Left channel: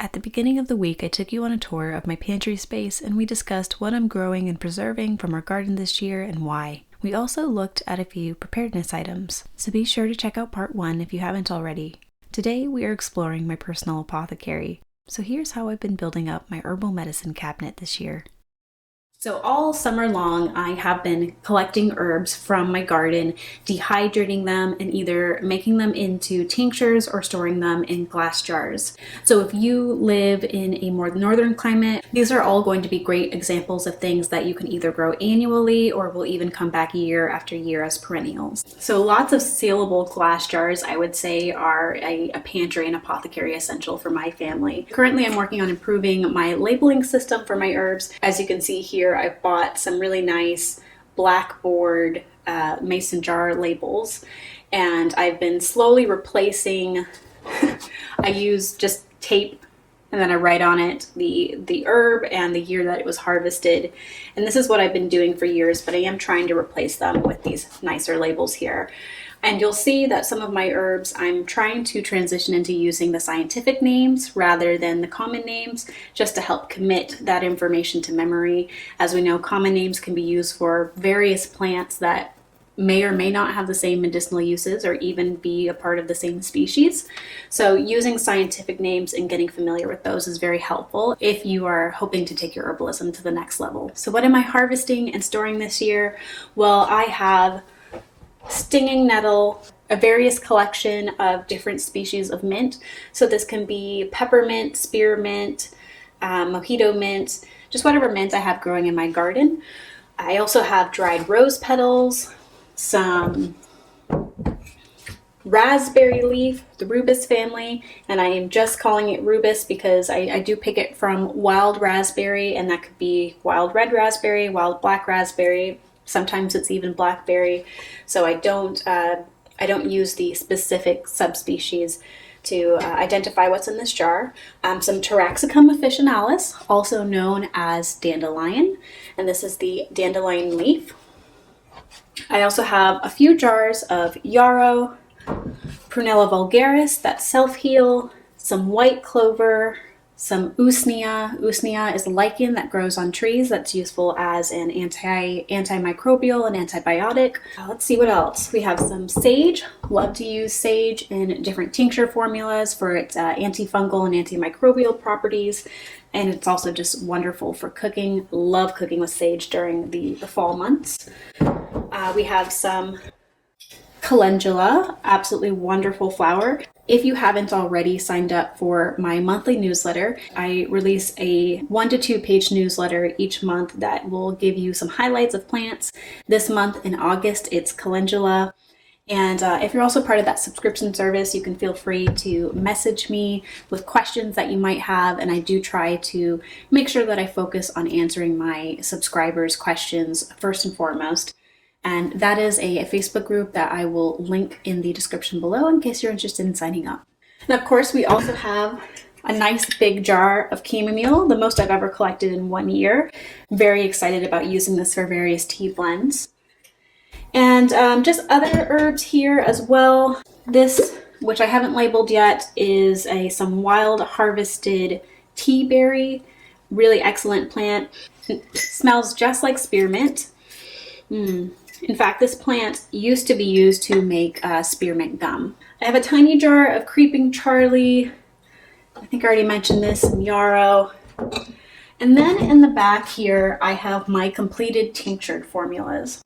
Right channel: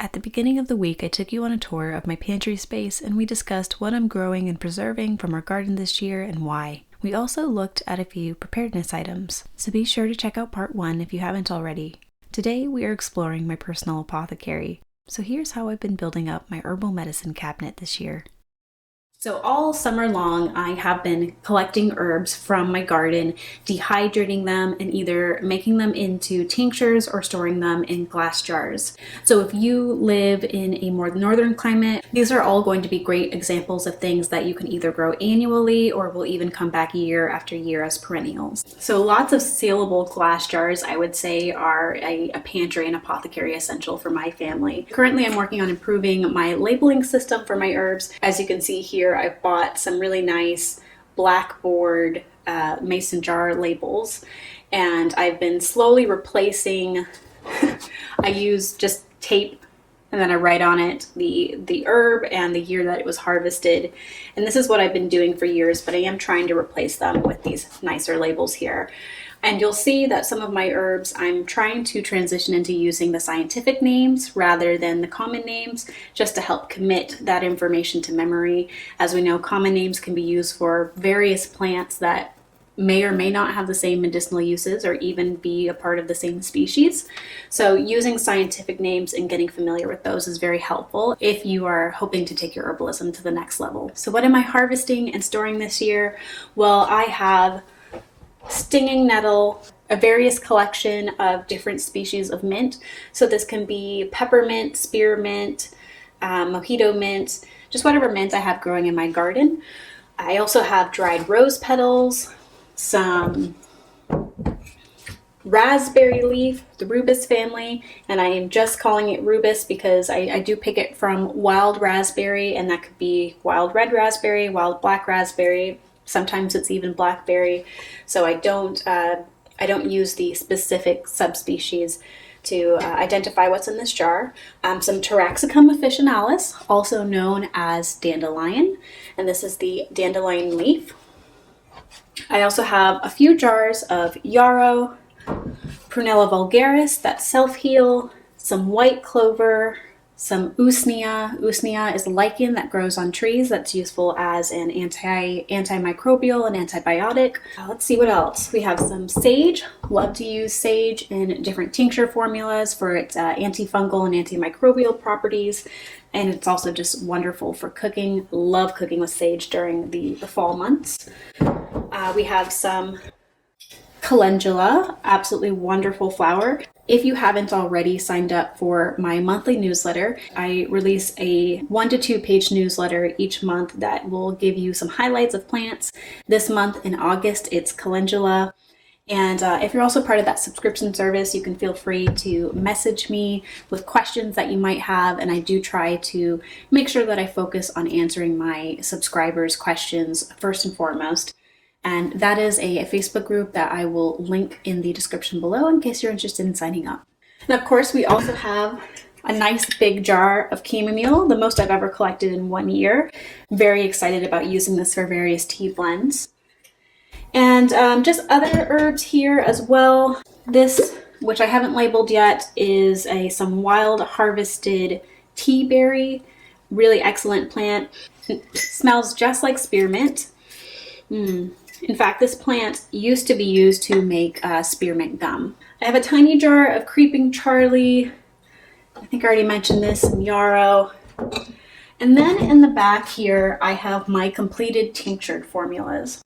At the beginning of the week, I took you on a tour of my pantry space and we discussed what I'm growing and preserving from our garden this year and why. We also looked at a few preparedness items, so be sure to check out part 1 if you haven't already. Today we are exploring my personal apothecary, so here's how I've been building up my herbal medicine cabinet this year. So all summer long, I have been collecting herbs from my garden, dehydrating them, and either making them into tinctures or storing them in glass jars. So if you live in a more northern climate, these are all going to be great examples of things that you can either grow annually or will even come back year after year as perennials. So lots of sealable glass jars, I would say, are a pantry and apothecary essential for my family. Currently, I'm working on improving my labeling system for my herbs. As you can see here, I've bought some really nice blackboard mason jar labels, and I've been slowly replacing. I use just tape, and then I write on it the herb and the year that it was harvested. And this is what I've been doing for years, but I am trying to replace them with these nicer labels here. And you'll see that some of my herbs, I'm trying to transition into using the scientific names rather than the common names, just to help commit that information to memory. As we know, common names can be used for various plants that may or may not have the same medicinal uses or even be a part of the same species. So using scientific names and getting familiar with those is very helpful if you are hoping to take your herbalism to the next level. So what am I harvesting and storing this year? Well, I have stinging nettle, a various collection of different species of mint. So this can be peppermint, spearmint, mojito mint, just whatever mint I have growing in my garden. I also have dried rose petals, some raspberry leaf, the rubus family, and I am just calling it rubus because I do pick it from wild raspberry, and that could be wild red raspberry, wild black raspberry. Sometimes it's even blackberry, so I don't use the specific subspecies to identify what's in this jar. Some Taraxacum officinalis, also known as dandelion, and this is the dandelion leaf. I also have a few jars of yarrow, Prunella vulgaris, that's self-heal, some white clover, some usnea. Usnea is a lichen that grows on trees that's useful as an antimicrobial and antibiotic. Let's see what else. We have some sage. Love to use sage in different tincture formulas for its antifungal and antimicrobial properties. And it's also just wonderful for cooking. Love cooking with sage during the fall months. We have some calendula, absolutely wonderful flower. If you haven't already signed up for my monthly newsletter, I release a 1 to 2 page newsletter each month that will give you some highlights of plants. This month in August, it's calendula. And if you're also part of that subscription service, you can feel free to message me with questions that you might have. And I do try to make sure that I focus on answering my subscribers' questions first and foremost. And that is a Facebook group that I will link in the description below in case you're interested in signing up. And of course, we also have a nice big jar of chamomile, the most I've ever collected in 1 year. I'm very excited about using this for various tea blends. And just other herbs here as well. This, which I haven't labeled yet, is some wild harvested tea berry. Really excellent plant. It smells just like spearmint. In fact, this plant used to be used to make spearmint gum. I have a tiny jar of creeping Charlie. I think I already mentioned this, some yarrow. And then in the back here, I have my completed tinctured formulas.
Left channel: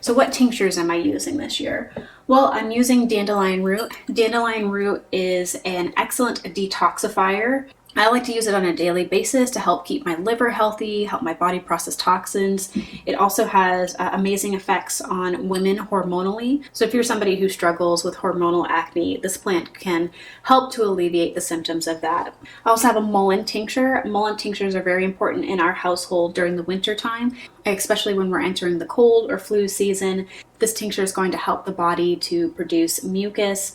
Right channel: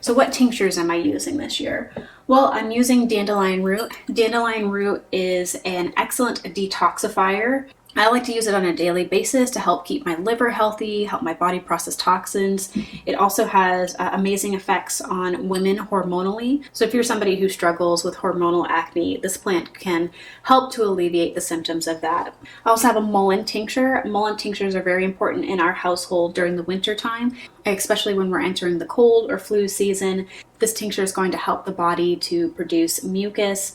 So what tinctures am I using this year? Well, I'm using dandelion root. Dandelion root is an excellent detoxifier. I like to use it on a daily basis to help keep my liver healthy, help my body process toxins. It also has amazing effects on women hormonally. So if you're somebody who struggles with hormonal acne, this plant can help to alleviate the symptoms of that. I also have a mullein tincture. Mullein tinctures are very important in our household during the winter time, especially when we're entering the cold or flu season. This tincture is going to help the body to produce mucus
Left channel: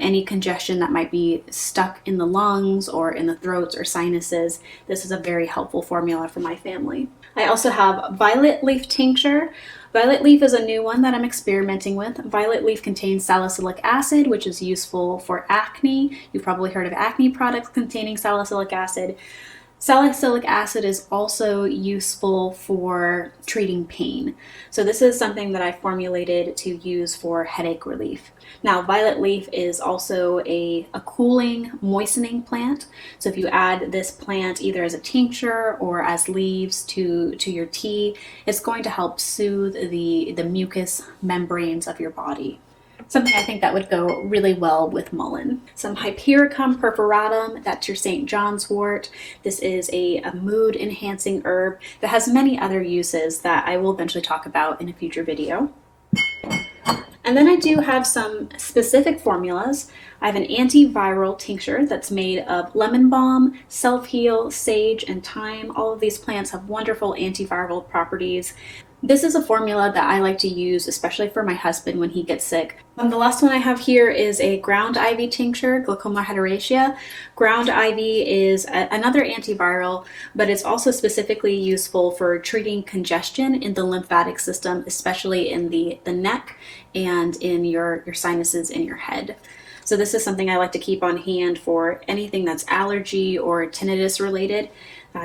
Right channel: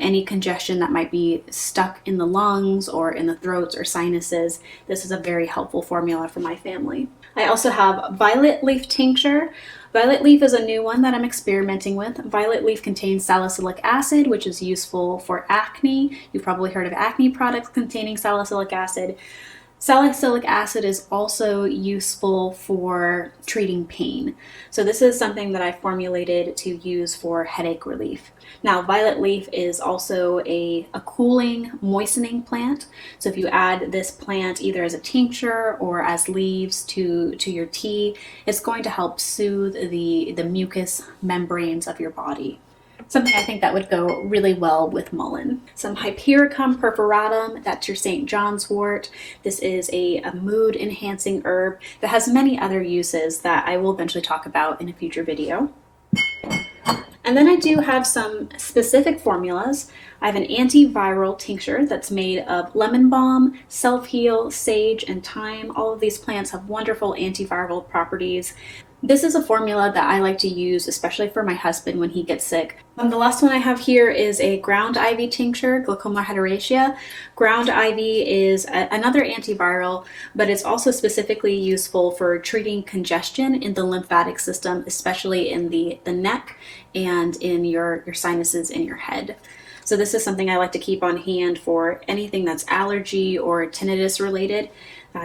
any congestion that might be stuck in the lungs or in the throats or sinuses. This is a very helpful formula for my family. I also have violet leaf tincture. Violet leaf is a new one that I'm experimenting with. Violet leaf contains salicylic acid, which is useful for acne. You've probably heard of acne products containing salicylic acid. Salicylic acid is also useful for treating pain. So this is something that I formulated to use for headache relief. Now, violet leaf is also a cooling, moistening plant. So if you add this plant either as a tincture or as leaves to your tea, it's going to help soothe the mucous membranes of your body. Something I think that would go really well with mullein. Some Hypericum perforatum, that's your St. John's wort. This is a mood enhancing herb that has many other uses that I will eventually talk about in a future video. And then I do have some specific formulas. I have an antiviral tincture that's made of lemon balm, self-heal, sage, and thyme. All of these plants have wonderful antiviral properties. This is a formula that I like to use, especially for my husband when he gets sick. The last one I have here is a ground ivy tincture, Glaucoma heteracea. Ground ivy is another antiviral, but it's also specifically useful for treating congestion in the lymphatic system, especially in the neck and in your sinuses in your head. So this is something I like to keep on hand for anything that's allergy or tinnitus related.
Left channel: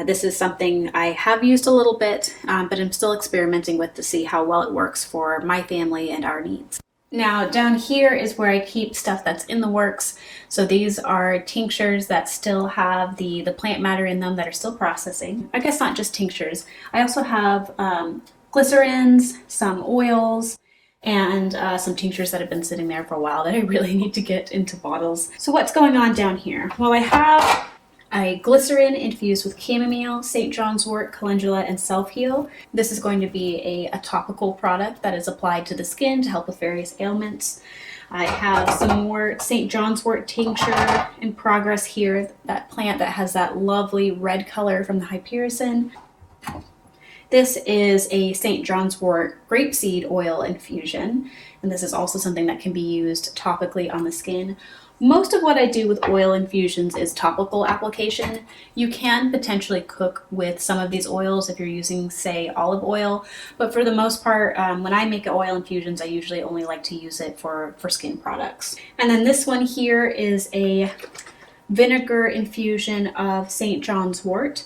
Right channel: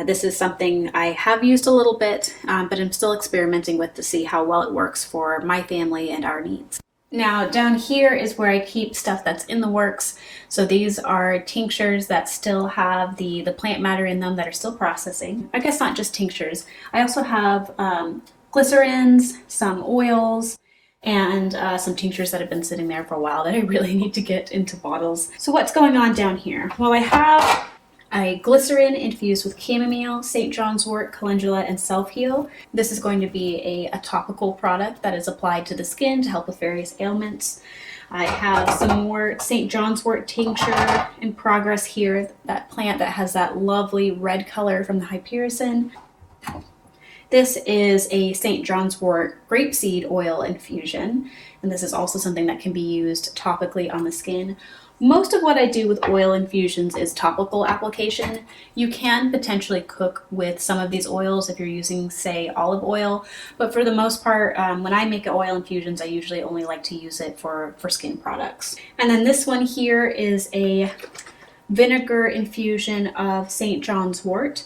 This is something I have used a little bit, but I'm still experimenting with to see how well it works for my family and our needs. Now down here is where I keep stuff that's in the works. So these are tinctures that still have the plant matter in them that are still processing. I guess not just tinctures. I also have glycerins, some oils, and some tinctures that have been sitting there for a while that I really need to get into bottles. So what's going on down here? Well, I have a glycerin infused with chamomile, St. John's wort, calendula, and self-heal. This is going to be a topical product that is applied to the skin to help with various ailments. I have some more St. John's wort tincture in progress here. That plant that has that lovely red color from the hypericin. This is a St. John's wort grapeseed oil infusion, and this is also something that can be used topically on the skin. Most of what I do with oil infusions is topical application. You can potentially cook with some of these oils if you're using, say, olive oil, but for the most part, when I make oil infusions, I usually only like to use it for skin products. And then this one here is a vinegar infusion of St. John's wort.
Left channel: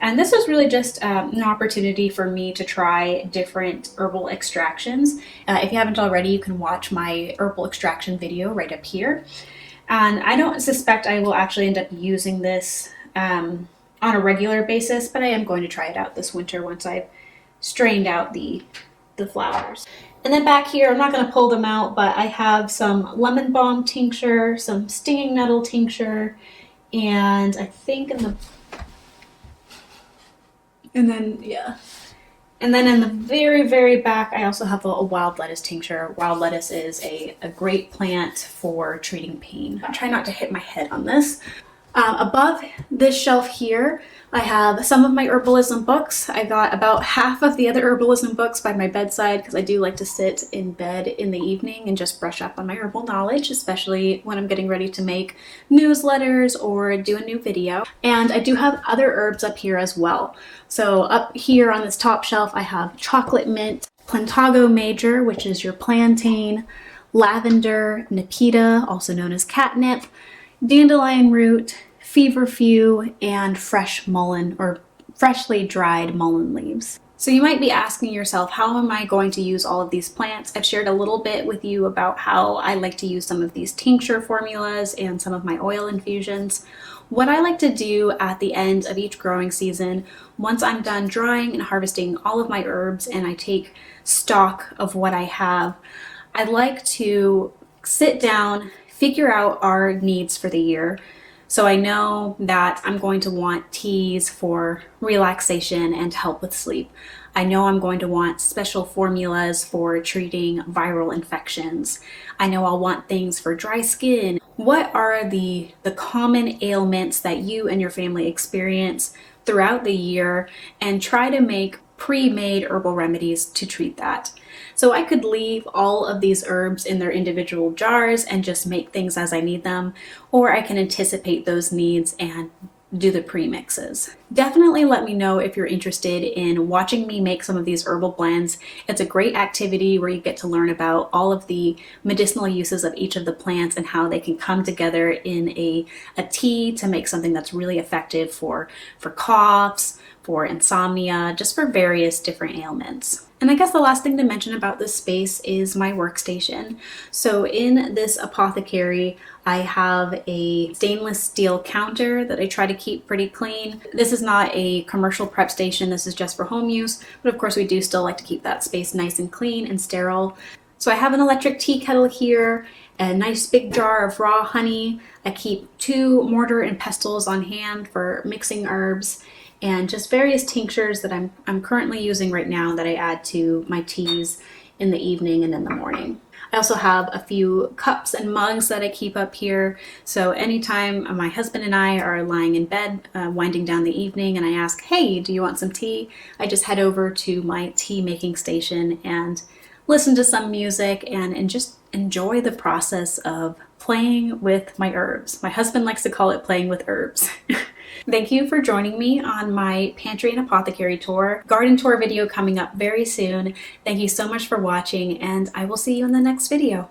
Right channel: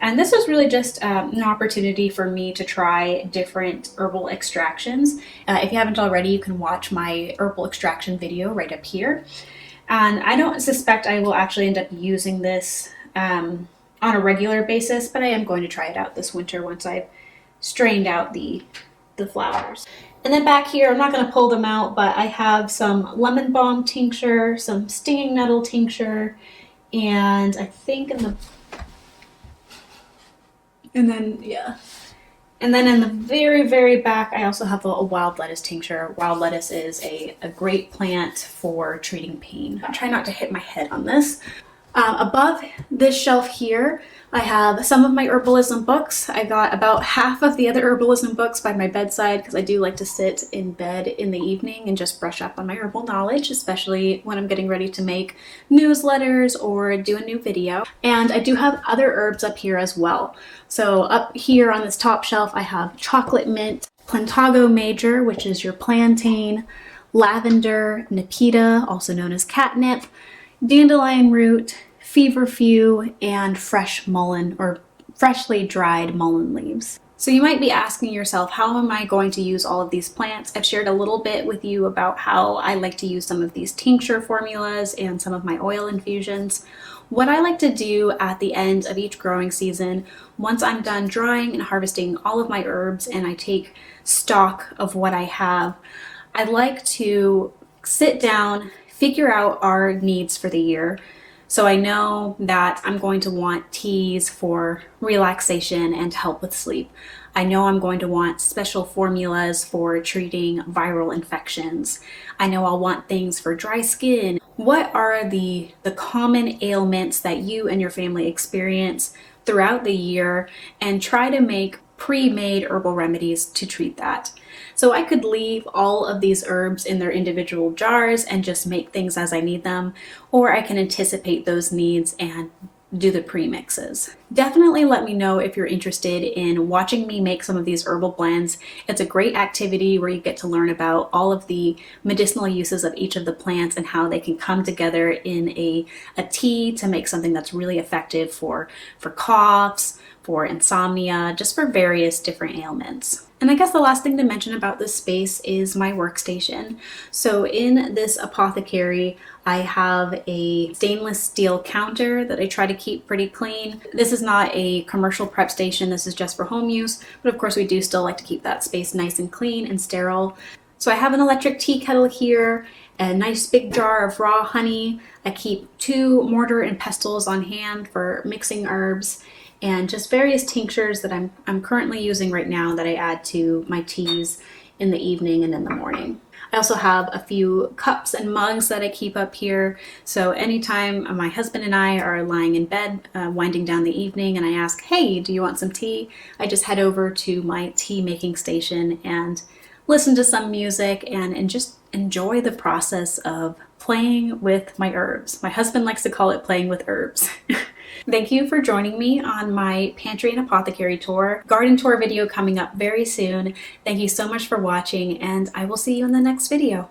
And this was really just an opportunity for me to try different herbal extractions. If you haven't already, you can watch my herbal extraction video right up here. And I don't suspect I will actually end up using this on a regular basis, but I am going to try it out this winter once I've strained out the flowers. And then back here, I'm not going to pull them out, but I have some lemon balm tincture, some stinging nettle tincture, and I think and then in the very, very back, I also have a wild lettuce tincture. Wild lettuce is a great plant for treating pain. I'll try not to hit my head on this. Above this shelf here, I have some of my herbalism books. I got about half of the other herbalism books by my bedside because I do like to sit in bed in the evening and just brush up on my herbal knowledge, especially when I'm getting ready to make newsletters or do a new video. And I do have other herbs up here as well. So up here on this top shelf, I have chocolate mint, plantago major, which is your plantain, lavender, nepeta, also known as catnip, dandelion root, feverfew, and fresh mullein or freshly dried mullein leaves. So you might be asking yourself, how am I going to use all of these plants? I've shared a little bit with you about how I like to use some of these tincture formulas and some of my oil infusions. What I like to do at the end of each growing season, once I'm done drying and harvesting all of my herbs and I take stock of what I have, I like to sit down, figure out our needs for the year. So I know that I'm going to want teas for relaxation and help with sleep. I know I'm going to want special formulas for treating viral infections. I know I'll want things for dry skin. What are the common ailments that you and your family experience throughout the year, and try to make pre-made herbal remedies to treat that. So I could leave all of these herbs in their individual jars and just make things as I need them, or I can anticipate those needs and do the pre-mixes. Definitely let me know if you're interested in watching me make some of these herbal blends. It's a great activity where you get to learn about all of the medicinal uses of each of the plants and how they can come together in a tea to make something that's really effective for coughs, for insomnia, just for various different ailments. And I guess the last thing to mention about this space is my workstation. So in this apothecary, I have a stainless steel counter that I try to keep pretty clean. This is not a commercial prep station, this is just for home use, but of course we do still like to keep that space nice and clean and sterile. So I have an electric tea kettle here, a nice big jar of raw honey. I keep 2 mortar and pestles on hand for mixing herbs, and just various tinctures that I'm currently using right now that I add to my teas in the evening and in the morning. I also have a few cups and mugs that I keep up here. So anytime my husband and I are lying in bed, winding down the evening, and I ask, hey, do you want some tea? I just head over to my tea making station and listen to some music and just enjoy the process of playing with my herbs. My husband likes to call it playing with herbs. Thank you for joining me on my pantry and apothecary tour. Garden tour video coming up very soon. Thank you so much for watching, and I will see you in the next video.